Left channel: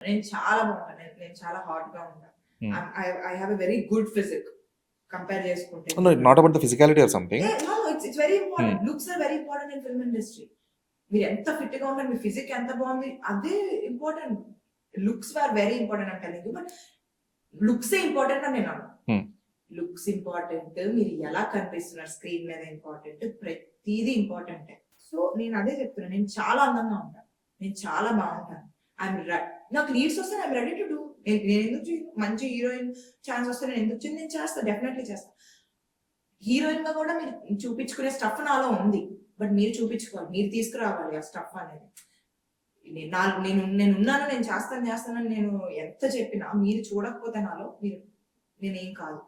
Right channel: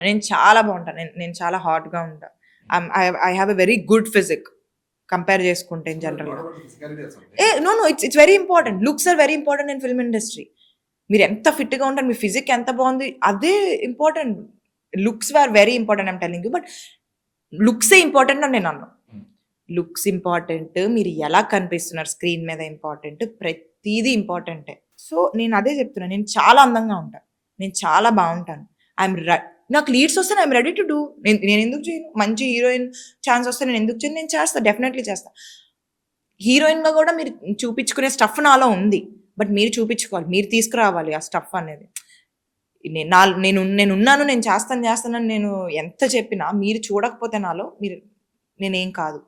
నేను చాలా బాగుంటాను. నేను చాలా హాట్‌గా ఉంటా. I have a very good physique compare చేసుకుంటే in not general. About the physicality or something. No, no, it's very important. Looks are very important in film industry. మీరు ఎంత ఫిట్‌గా ఉంటారు, మీ ఫిజిక్ ఎంత బాగుంది, అదే important. Looks are very important I'm telling you. But లుక్సే ఇంపార్టెంట్ అని నేను అన్నాను. లుక్స్ ఇంపార్టెంట్, మీరు ఎలా కనిపిస్తున్నారు స్క్రీన్ మీద ఇంపార్టెంట్, ప్రతీదీ ఇంపార్టెంటే. సో నేను అదే చెప్తున్నాను, నేను చాలా అందంగా ఉంటాను, నేను చాలా బాగుంటాను. ఐఎమ్ నాకు లీడ్స్ వస్తే ఐఎమ్ రెడీ టు డూ. నేను ఎందుకు చేయను? మంచి హీరోయిన్ ఛాన్స్ వస్తే నేను ఎందుకు చేయను? నేను చేస్తాను, డెఫినెట్లీ చేస్తాను. హీరోయిన్గా కూడా మీరు చూపించుకునే స్టఫ్ నాలో ఉంది. బట్ మీరు చూపించుకోవాలి, మీరు తీసుకురావాలి ఆ స్టఫ్ అనేది. నేనున్నాను, నేను చేస్తానని నేను ఎంత చెప్పినా మీరు చూడకపోతే నాలో, నేనేం కాదు.